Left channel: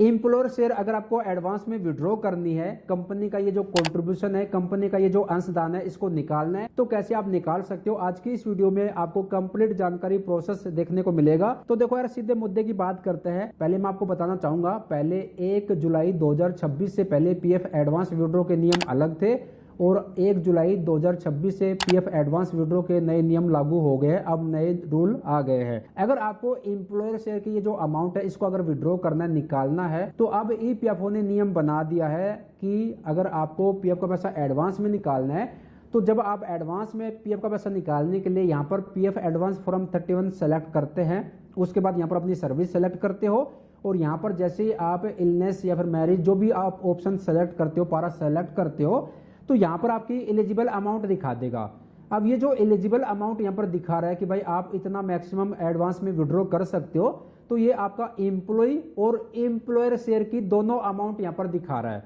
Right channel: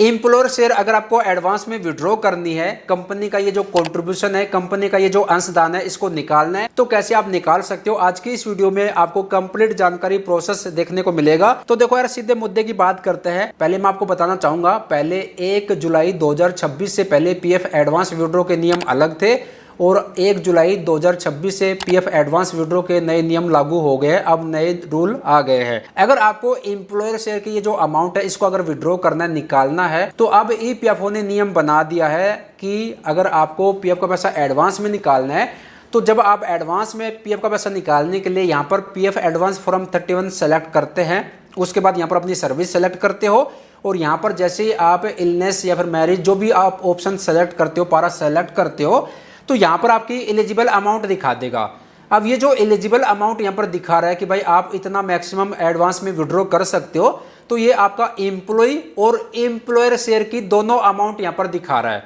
Employer share अगर आपको advance में विड्रॉ करनी है, कंपनी का ये जो कंट्रीब्यूशन है, कंपनी का ये जो अंशदान है, इसको निकालना है, तो कैसे आप निकाल सकते हो, आज की इस वीडियो में आपको कंप्लीट जानकारी प्रोसेस देखने को मिलेगा। तो देखो यार, सीधे मुद्दे की बात करते हैं। पहले मैं आपको बताना चाहूंगा, पहले 1 जुलाई 2026 से पहले पीएफ एडवांस विड्रॉ के नियम अलग थे और 1 जुलाई 2026 से पीएफ एडवांस विड्रॉ के नए नियम लागू हो गए। अब नए रूल आ गए हैं। अगर आपको एम्प्लॉयर शेयर की ये जो अमाउंट है, इसको अगर विड्रॉ करना है, निकालना है, तो अब ईपीएफओ ने नियम बना दिया है कि अगर आपको पीएफ का पैसा एडवांस में निकालना है, तो जब आप एडवांस में पीएफ का पैसा निकालने के लिए यहाँ पर पीएफ एडवांस फॉर्म 31 सेलेक्ट करते हैं, उसके बाद यहाँ पर अपनी सर्विस सेलेक्ट करते हो और यहाँ पर जैसे ही आप इलनेस या फिर मैरिज, जो भी आप ऑप्शन सेलेक्ट करते हो, पारा सेलेक्ट करते हो, तो यहाँ पर आपकी एलिजिबल अमाउंट दिखा देगा। अब ये जो एलिजिबल अमाउंट यहाँ पर दिखा रहा है कि भाई आप इतना मैक्सिमम एडवांस में विड्रॉ कर सकते हो, तो ये आपका एम्प्लॉय और एम्प्लॉयर शेयर की दोनों अमाउंट यहाँ पर दिखा रहा है।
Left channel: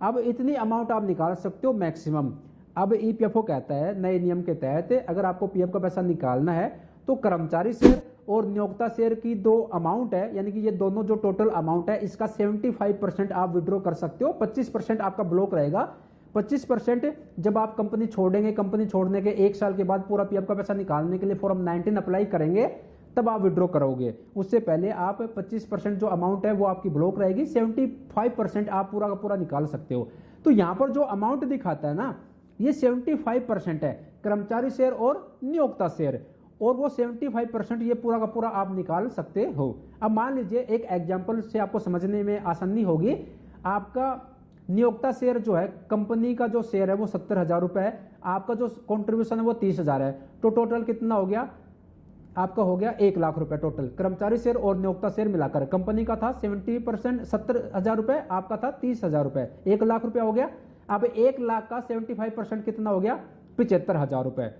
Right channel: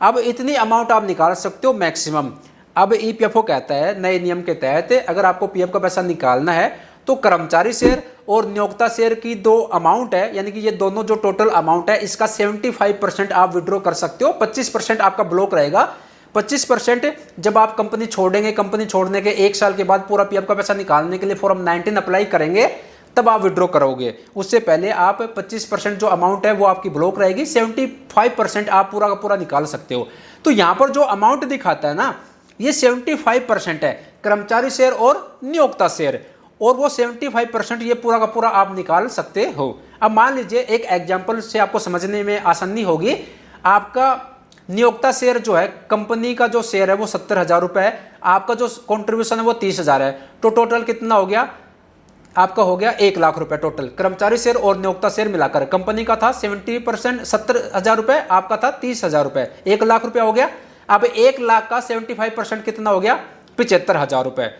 अब इतनी अमाउंट आप निकाल सकते हो मैक्सिमम। अब ईपीएफओ कहता है नए नियम के तहत अगर आपको पीएफ का पैसा निकालना है, तो कर्मचारी शेयर और नियोक्ता शेयर की दो अमाउंट है, यानी कि ये दोनों जो टोटल अमाउंट है, इसका 75% आप विड्रॉ कर सकते हो। 25% आपका ब्लॉक रहेगा। 25% जब आप कंपनी छोड़ेंगे, कंपनी छोड़ने के 1 साल के बाद पूरा पीएफ का पैसा निकालने के लिए फॉर्म 19 अप्लाई करेंगे, तब आप विड्रॉ करोगे। उससे पहले आप 25% जो अमाउंट है वो आपकी ब्लॉक रहेगी। 75% आप पूरा का पूरा निकाल सकते हो। तो यहां पर जो अमाउंट दिखाता है ना, ये 75% है कर्मचारी शेयर और नियोक्ता शेयर, और वो 75% ये पूरा का पूरा आप निकाल सकते हो। अब मान लीजिए, एक एग्जाम्पल से आपको समझने में आसानी होगी। आपका नियोक्ता शेयर जो है, कंपनी का जो शेयर है वो 70,000 रुपए है, आपका जो कंट्रीब्यूशन है वो 30,000 है, तो टोटल कितना हो गया आपका? हो गया 1 लाख रुपए टोटल। कर्मचारी शेयर और नियोक्ता शेयर मिलाकर कंपनी का था 70%, 70,000 रुपए, आपका था 30,000 रुपए, 1 लाख रुपया हो गया। अब 1 लाख का 75% कितना हो गया? 75,000 रुपए।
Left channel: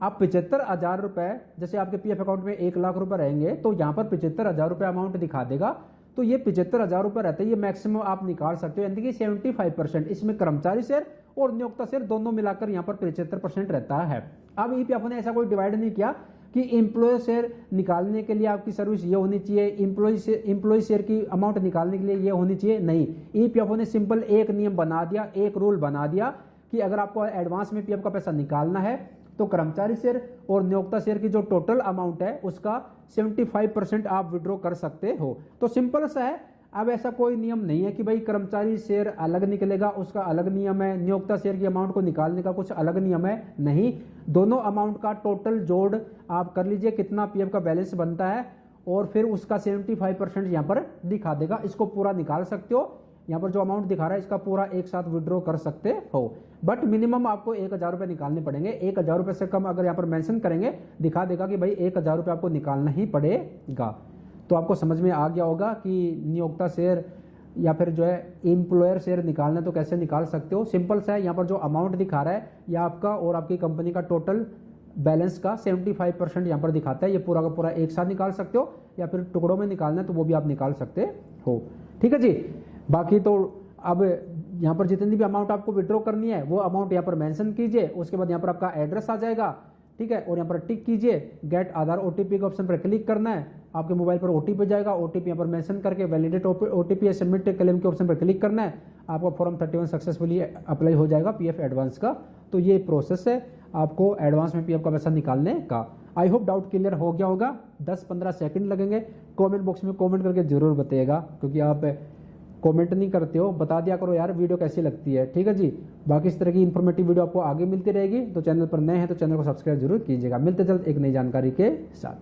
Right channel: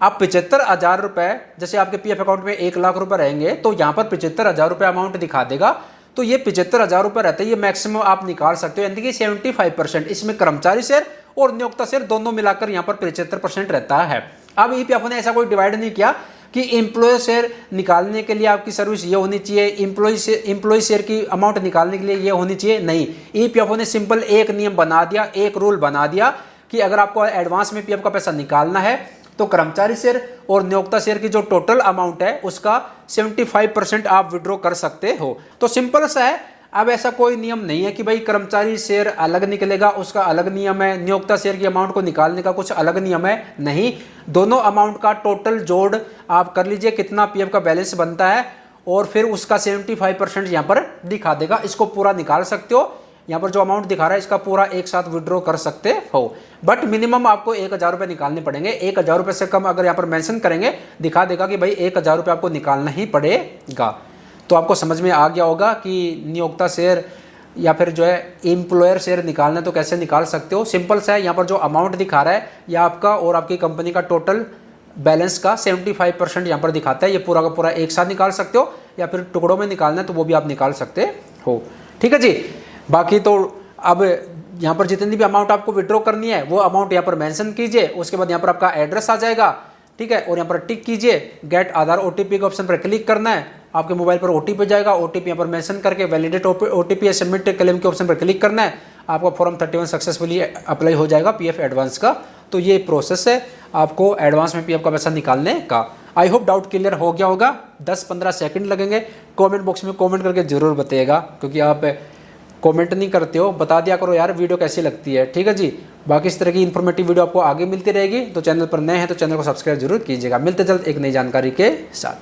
अब 75,000 रुपए, जैसे आपके पीएफ अकाउंट में 1 लाख रुपए रहेंगे, तो यहां पर 75,000 रुपए अमाउंट दिखा देगा। तो ये 75,000 रुपए रहते हैं, ये मैक्सिमम आप निकाल सकते हो, यानी कि 75%। इसमें कर्मचारी शेयर और नियोक्ता शेयर दोनों मिलाकर यहाँ पर 75% रहता है। अब ईपीएफओ ने ऐसा कोई डिवाइड नहीं किया कि एम्प्लॉय शेयर निकालने के लिए आपकी सर्विस ये होनी चाहिए, एम्प्लॉय शेयर की अमाउंट निकालने के लिए ये होनी चाहिए, नहीं। ईपीएफओ ने सिंपल एक नियम बना दिया, एक रूल बना दिया कि अगर आपको एडवांस में पीएफ का पैसा निकालना है, तो कर्मचारी शेयर और नियोक्ता शेयर की जो टोटल अमाउंट है उसका 75% आप विड्रॉ कर सकते हो। तो सिंपल सा है। अब ऐसा कोई नियम नहीं है कि भाई कर्मचारी शेयर अलग निकलेगा, उसका अलग नियम है, नियोक्ता शेयर की अमाउंट को निकालने का कुछ अलग नियम है, नहीं। दोनों अमाउंट का टोटल जोड़ आप कर लीजिए, कितना पीएफ का बैलेंस बनता है, और फिर उसका 75% यहाँ पर दिखा देगा। इसको पूरा निकाल सकते हो। यहाँ पर जो अमाउंट दिखा रहा है, इसका पूरा एक साथ विड्रॉ कर सकते हो, बट मिनिमम आपको 1,000 रुपए निकालने पड़ेंगे। 1,000 रुपए से कम अगर यहाँ पर मेंशन करेंगे, दिखा देगा कि भाई 1,000 रुपए आपको निकालना ही पड़ेगा। तो आपको समझ में आ गया होगा कि नियोक्ता शेयर या फिर जो है एम्प्लॉयर शेयर निकालना तो कैसे निकाल सकते हो। सिंपल सा है। यहाँ पर जो अमाउंट दिखा रहा है, यह आपका और आपकी कंपनी का टोटल बैलेंस का 75% यहाँ पर दिखाता है। ये पूरा का पूरा एक साथ निकाल सकते हो, या फिर टुकड़ों में निकालना है तो वो भी आप निकाल सकते हो। ठीक है जी। बाकी तो अब यहाँ पर जितनी भी अमाउंट आपको विड्रॉ करनी है, वो अमाउंट यहाँ पर मेंशन कीजिए। उसके बाद यहाँ पर आपका एड्रेस आ जाएगा, ठीक है, और यहाँ पर टिक कीजिए। गेट आधार ओटीपी के ऑप्शन पर क्लिक करना है, आपके मोबाइल पर ओटीपी जाएगा। ओटीपी यहाँ पर मेंशन करके वैलिडेट ओटीपी या सबमिट क्लेम के ऑप्शन पर क्लिक करना है। आपका फॉर्म 31 सक्सेसफुली अप्लाई हो जाएगा पीएफ एडवांस का। तो ये प्रोसेस है आपको एडवांस में पीएफ का पैसा निकालने का। आई होप डाउट क्लियर हो गया होगा। 10-15 सेकंड लगेंगे। कमेंट बॉक्स में कमेंट करके जरूर बताइएगा, क्योंकि आप कमेंट नहीं करते हो। बता दिया करो यार वीडियो कैसी लगती है। ठीक है जी। बाकी इस तरह की इन्फॉर्मेटिव वीडियो आपको आगे मिलती रहेगी। तो चैनल पर नए हैं तो चैनल को सब्सक्राइब जरूर कीजिएगा। मिलते जल्द एक नई जानकारी के साथ।